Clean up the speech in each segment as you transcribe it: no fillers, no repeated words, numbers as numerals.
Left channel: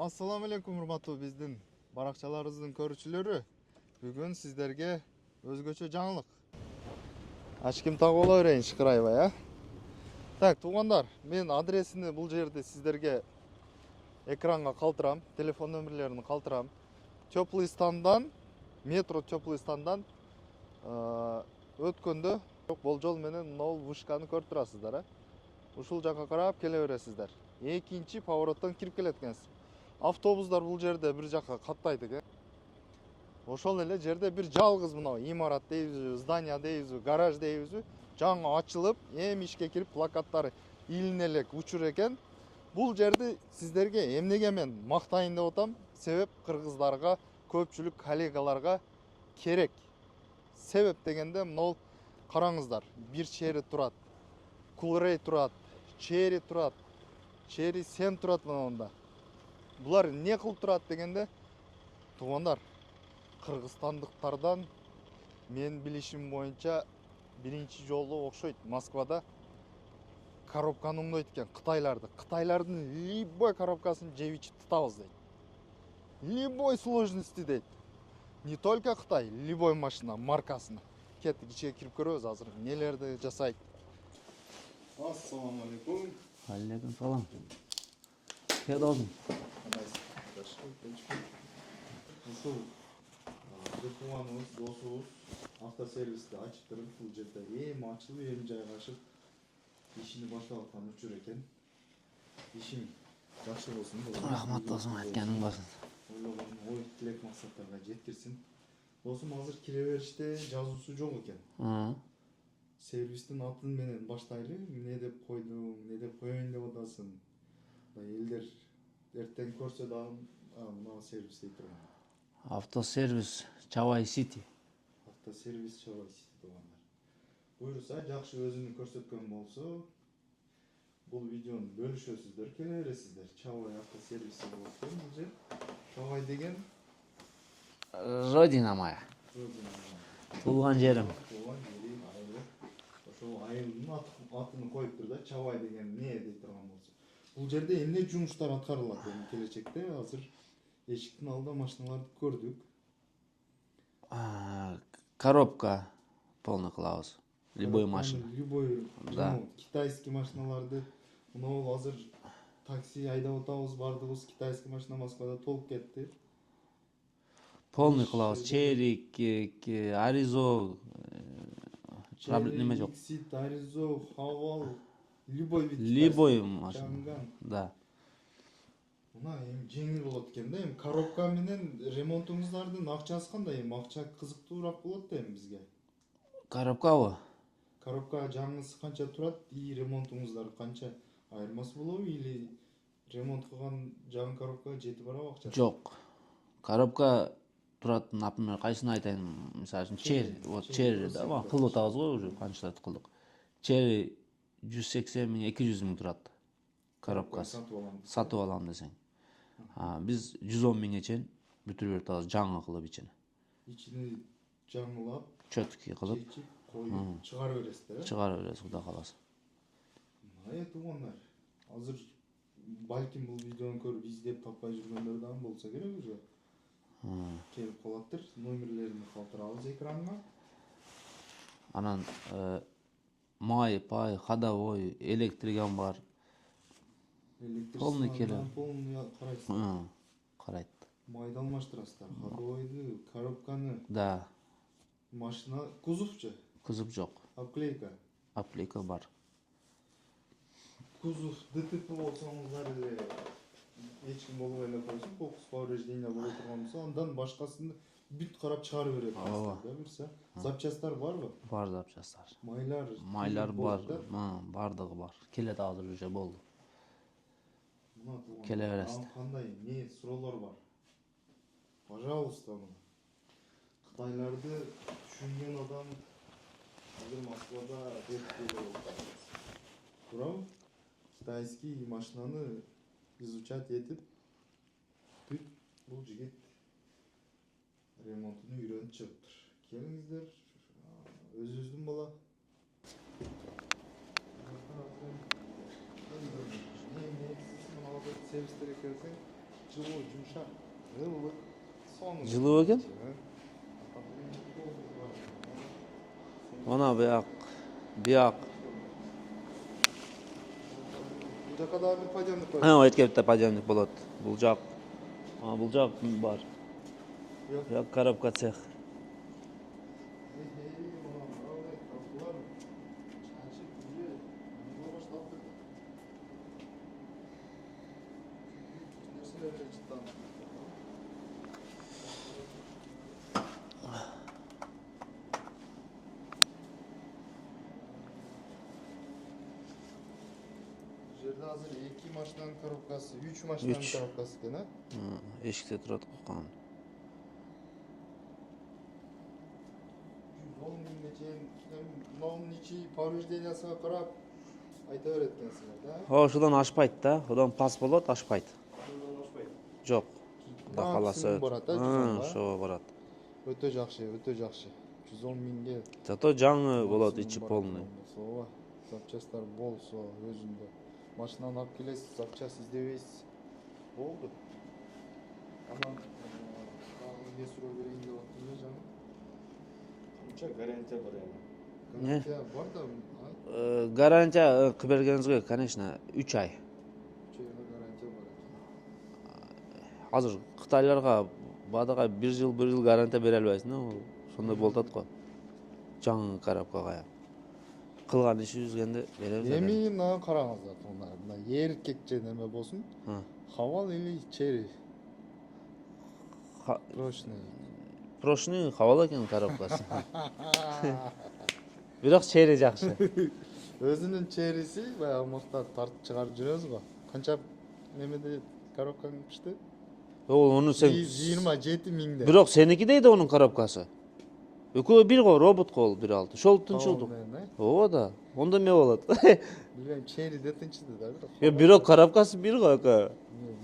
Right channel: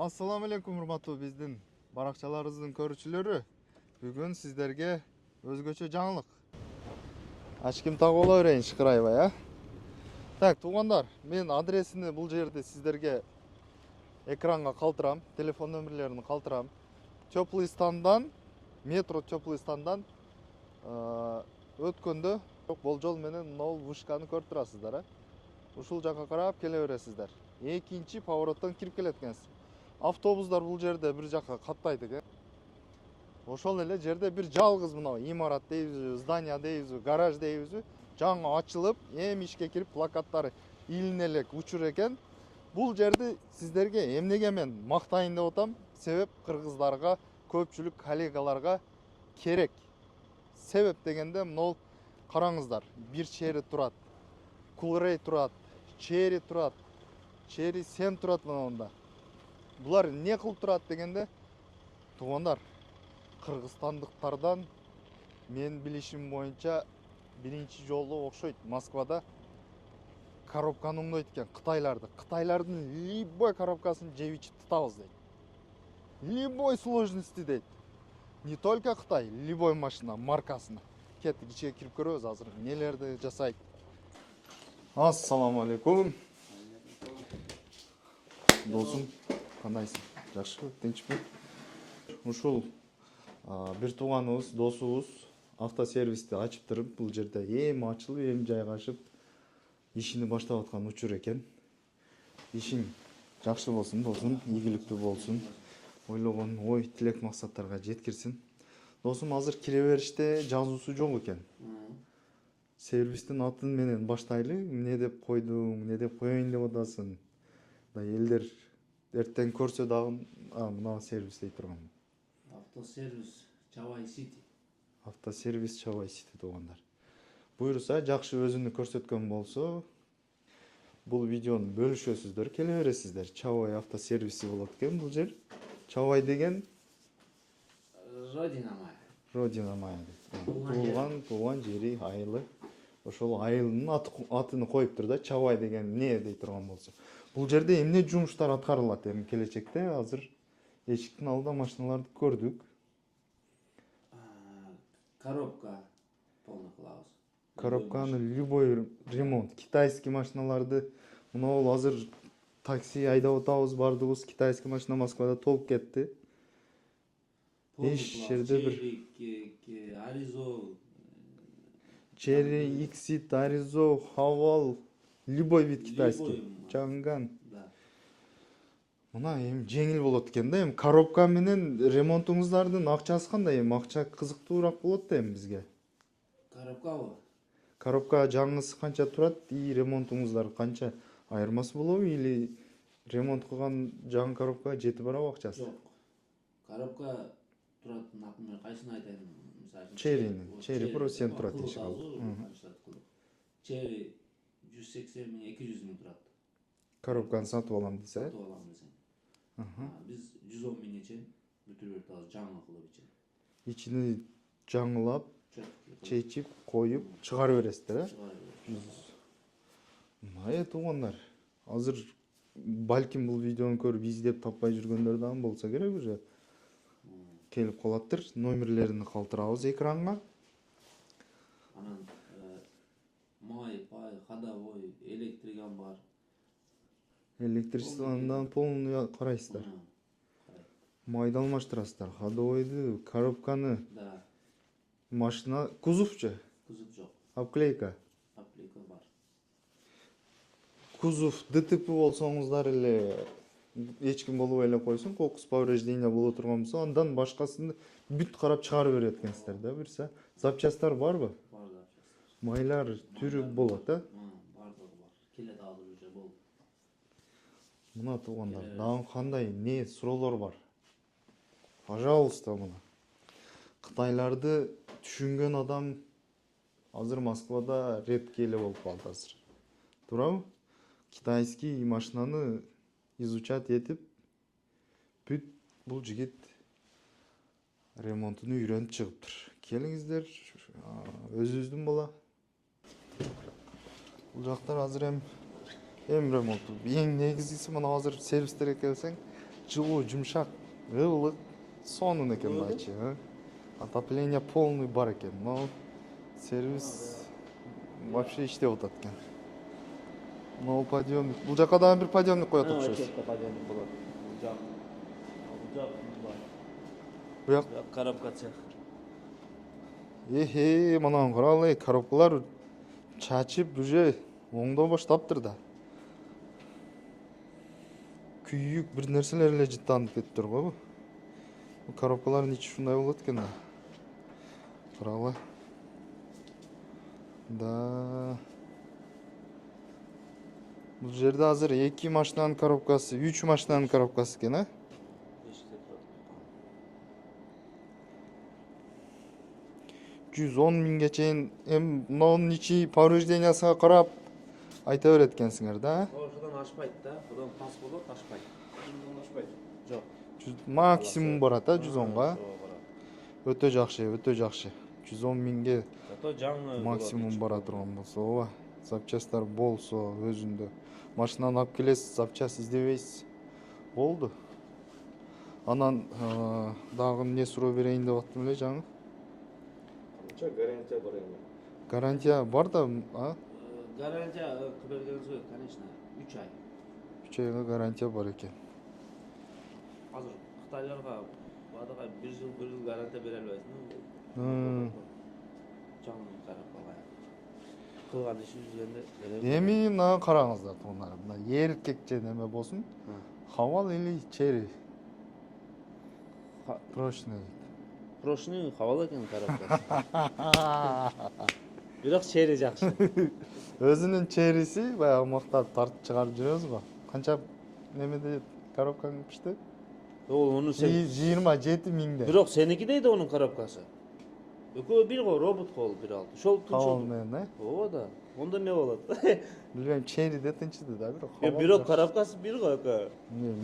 Assalamu alaikum урматтуу биздин баракчаларыбыздын көрүүчүлөрү. Бүгүн сиздерге өзгөчө жаңылык. Ачким тагып ала берейин шыкырайбай, а? Так, туугандар, мен адресini бул жерде сиздерге экранга калтырам, телефон нөмірлерін калтырам. Теплый стандан, метро теплый стандан өткөндө болжол менен мынау вышканы көрүп турасыздар, а? Ушул жакка карап келе бересиздер. Экинчи повороттон кирип келет экенсиз. Автобустар бул жерде бир жакка каттайт экен. Ошол эле жерде бир жалгыз мына имарат дейбизби, здание дейбизби, гараж дейбизби, жаңы ачылып, эми ишке кирип плакаттары илине элек учур экен. Бул жерди сиздерге эмнеге мен мактайын деп атам? Себеп кыргыздарга, көпчүлүк коллегаларга керек. Себеп дегенде мынау караңыздар, бир чери турат, Кулрей турат, чери турат, чери сен турат мында. Булар не кылып турат дегенде, туугандар, кыргызстандыктардан мен билишим боюнча биринчи жолу окшойт Москвада коробканы оңдойт экен Кытайлардын любой коробкасын жеп ичип тутабыз дейт. Любой сложности дейт. Не только Кытай, любой машина маркасына. Кеттик ичке кирип көрөбүз азыр нелерди жасайт. Ассаламу алейкум. Алейкум салам. Досум, кандайсың? Жакшыбы, тынчпы? Ушул бир тууганыбыз, досубуз автосервисти ачыптырып, бул жерде эми ачылып, эми жайгашып ишини баштап аткан учур экен. Ишиң жакшы болсун, досум, ийгиликтүү болсун. Ойлогон ой, тилек максаттарга жеткирсин. Досум азыр кире бериште жазуусу жок экен. Сервистин атын менен баштайлы. Эмне деп койдуң, эмне деп коеюн деп атасың? Да элдер эртең көрсө дагы мына сервис дей турган. Автосервис Чавай Сити. Автосервис Чавай Сити туугандар. Буюрса, жакшы өзүнү көрсөткөн болсо, бул видеону бөлүшөсүздөр, келе бересиздер. Чавай автосервиси болот экен бул жер. Чавай деген Родина моя. Родина моя. Туулган жерим. Туулган жери, айылы. Ошол айылдын атын коюптур да, Чавай деген эмне дей турган болсо. Бул жерде эмне жумуштар аткарылат эми келечекте? Азыр эшиктин алдында машиналарды көрдүк. Коробка полный кылабыз. Любой ремонт. Китайский машиналарды мына азыр такси айдап атабыз, бардыгыбыз китайский машина Москвада толуп кетти. Полный кылабыз. Черик, Аризо, Черри, Иксит, Аризо, Хавал, любой вид китайский. Чанган. Да. Мына эми жеңил болот экен да, эми коробка менен ремонтуңуздардын акчасы кандай? Эми акча кызыктуураак болот да эми бизге. Коробкабы? Коробка жаңысы канча турат, и ремонтуңуздар канча? Айырмасы болобу или ремонт кылган жаңы коробкага жетип барабы акчасы? Жок. Коробка турат, например, кайсыны айтайын? Мисалы үчүн Черри, вот Черри кылып атабыз го, уже канчалык кылдык. Черри 180 миң, 200 миң турат. Коробканы сатып алам десең. Сатып алам десең. Биз 110 миңге чейин бүтүрүп берип атабыз, жаңы кылып ичини. Ичини жаңылап, чөткү кылып, чечип, коюп, чыгарып бересиздер, э? Чыгарып беребиз, Кудай кааласа. Туугандар, азыр балким бул видеону көрүп издеп таппай жүргөндөр дагы болсо керек уже. Келип калаттыр, номерлерин калтырабыз экранга. Анан май, пай, ходовой, электриган бар. Электричестводан полный карайсыздар. Карайт. Майды алмаштырасыздар, ходовойду, коробканы. Да. Машина кузовчу? Кузов жок. Обклейка? Обклейка бар. Кузов ДТП болсоңуздар эле эч ким болбой эле койсун, кокус повреждение боло турган болсо, андан башкасын бүт карап чыгарып берет экенсиздер да, бирсе. Запчасттар барбы? Бар запчасттар. Майлар болот да? Бардыгы бар. Келет азыр уже болду. Мына туугандар, кандай не суроолор бар? Пожалуйста, мына. Кытайларды түшүнгөн адам азыр Москвада редкий эле болуп калды азыр. Туурабы? Китайский машинаны изучать этип, бүт бул жигит ремонтуну үйрөнүп чыгыптыр. Келиңиздер, өзүбүздүн бала. Бул жактар азыр эми ремонт. Эң негизгиси мына азыр сервистерге келсең, жылуу жумшак ылык сонун экен. Жылуу экен? Отопление полный бар экен. Но сервис Мына бияк вообще иштеп атат экен. Могу подъемник. Бул жака дагы бир подъемник коет. эткепте подъемник болот. Бул жак бар. Буяк Коробка цех. Мына каралы, коробкалар чачып уже оңдоо баштаптыр да. Күйүк бир нерселер эле жыттанып кетиптир го. Бул коробкалардын ичи ушундай болот экен да. Каралы. Да. Бул жерде азыр 2 машинанын коробкасы, 3 машинанын коробкасы экен, а? Эшикте турат калган. 110 миңге чейин мынунун ичи повреждениясына карап айта берет экенсиңер да. Ошодон ашпайт да. Одан пас болот, ашпайт. Жок. Максимум барат, 110га. Ошо барат. Өтө жакшы. 110 миңге Зато жаңы болот максимум ичи бара полный. турган болсо, ооба. Запчасттар болсо өзүндө. Машинаны алып келесиз, запчасть издебейсиз. Болду. Анан дагы эмне суроо берейин деп аттым эле жаңы. Гарантия бар эми. Гарантия бар да, Гарантия бергениңизге, конечно, 3 ай. 3 айга гарантия бар экен. Азыр кытайларга бадыга 1 жыл гарантия бере албайсың да. Ошондой болот го. Жаңы коробкага. Кылган ишибизгенде беребиз. Эми мына караңыздар, мына эркек же неме болсун. Хавал или чери? Прошный хавал экен коробкасы. Бирок чери жакшы. Өзүнүн чериси баягы мактап тартып чыгарып жүрөбүз го. Канча немеде коробкаң пишти? Onu sen 127 миңде. Бирок сеники дейди онун коробкасы. Экөө бир го робот кол 1.6. Шолтун. Ооба да. Онда эмне болот? Билбейм, чериде тынчыды да бирок. Бирок коробкасы бир го эке.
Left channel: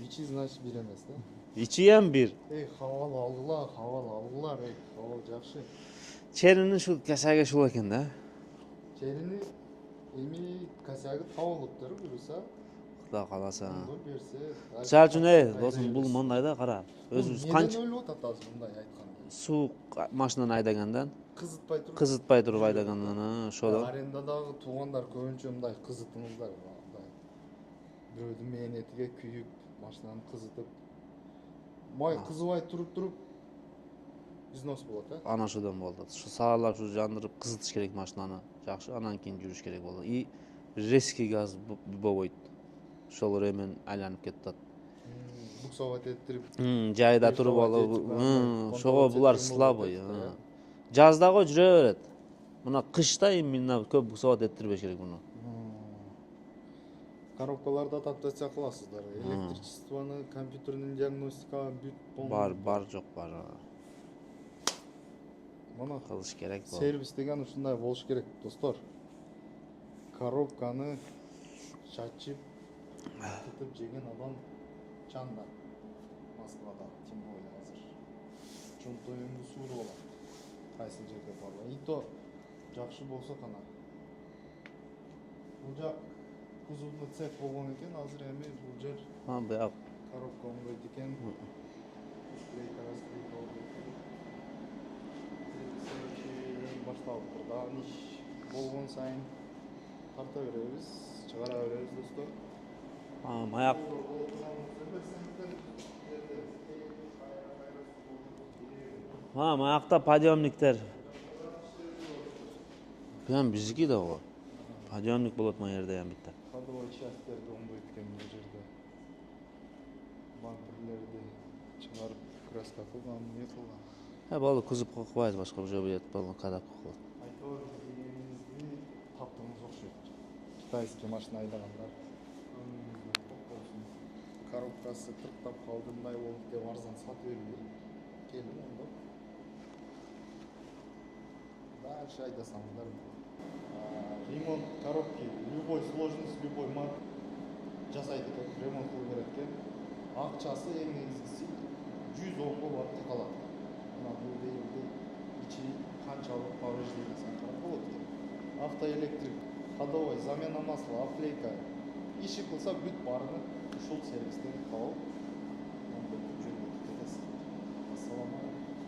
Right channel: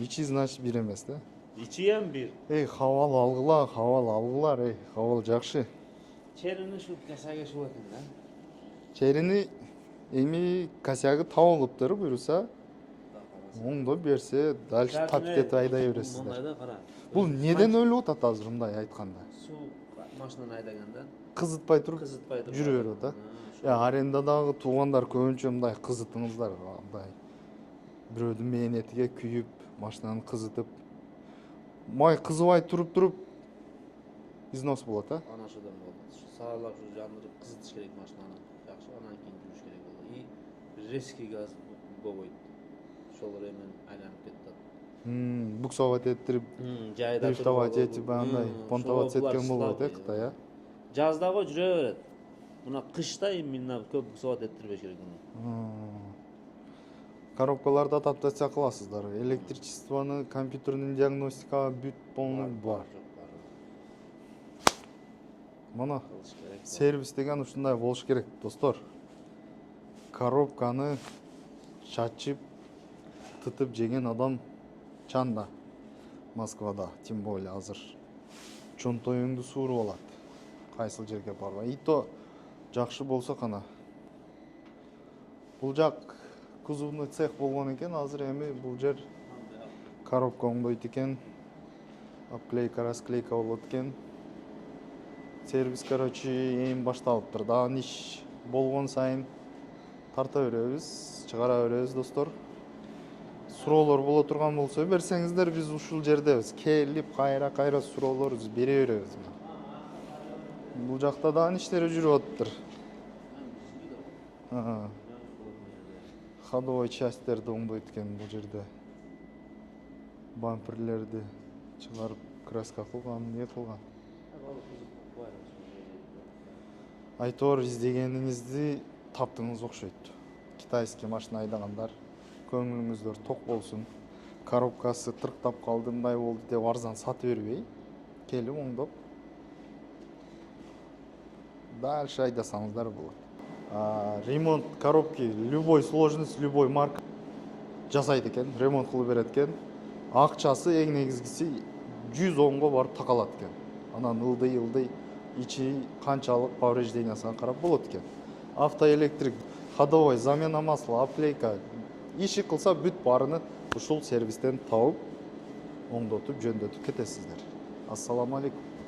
Ичи значит бир эмес да. Ичи эм бир. Хавал алгылар, хавал жакшы. Черинин шу косяги ушул экен да. Черини эми косягы табылыптыр буюрса. Кудай кааласа. Оңдо берсе, дальше айдай бересиз. Бул мындай да кара. Бул неден өлүп атат азыр мындай айтканда? Суу машинаны айдагандан, Кызытпай туруп айдагандан, ошо. Арендадагы туугандар көбүнчө мындай кызытыңыздар, мындай. Бирөөдүн мээнетиге күйүп, машинаны кызытып. Май кызыбай туруп износ болот, а? Ана ошодон болду. Ушу саарлап жандырып кызытыш керек машинаны. Жакшы, анан кийин жүрүш керек болду. И резкий газ болбойт. Ошол ремен айланып кетет. Буксовать этирип, жайда туруп алып. Ошого булар слабый. Жаздагы жүрө берет. Мына кышта именно көп буксовать этирбеш керек муну. Коробкаларды адаптация кыласыздар. Электричествону, компьютердин диагностикага бүт полный бар, жок бар. Мына кылыш керек. Сервис деген ушундай болуш керек, достор. Коробканы чачып, тытып жеген адам чанда. Москвада, тем более азыр. Чонтоюңду сууруп алат. Кайсыл жерге барбай. И то жакшы болсо кана. Бул жак кузовный цех болгон экен, азыр эми бул жер коробка оңдойт экен. Обклейка, расклейка болот экен. Сервис, короче, эми башталыптыр. Дагы иш болгон сайын тарта беребиз, чыгара беребиз, достор. Суроолор боло турган болсо берсеңиздер, биз ушул жердебиз. Келип, кайра суроолорубузду бере беребиз. Маякта подъемниктер. Бул жакта дагы иштери жүрүп атыптыр. Прям биздики да го. Подъемник болот мына жерде эмитте. Ходовой частьтерди оңдойт экен бул жерде. Бамперлерди чыгарып, краска кылган, эмне кылган. Болду, кузовко кылбайбыз, башка уже будет болду, кадап. Айтор издегениңизди таптыңыз окшойт. Китайский машина айдагандар көңүлүңүздөр ток болсун. Коробкасы тырктап калды, мындай болду деп арзан сатып бербей, келип оңдоп дальше айдасаңыздар болот. Ремонт коробки любой сложность, любой марка жасайт экен, ремонт кылып берет экен. Акчасы эң негизгиси 110го барып такалат экен. Анан ылдый ичи канчалык повреждениясына карап болот экен. Автоэлектрик, ходовой, замена масла, обклейка иши кылса бүт баарыны ушул сервистен табып оңдотуп жөндөтүп кетесиздер. Ассаламу алейкум.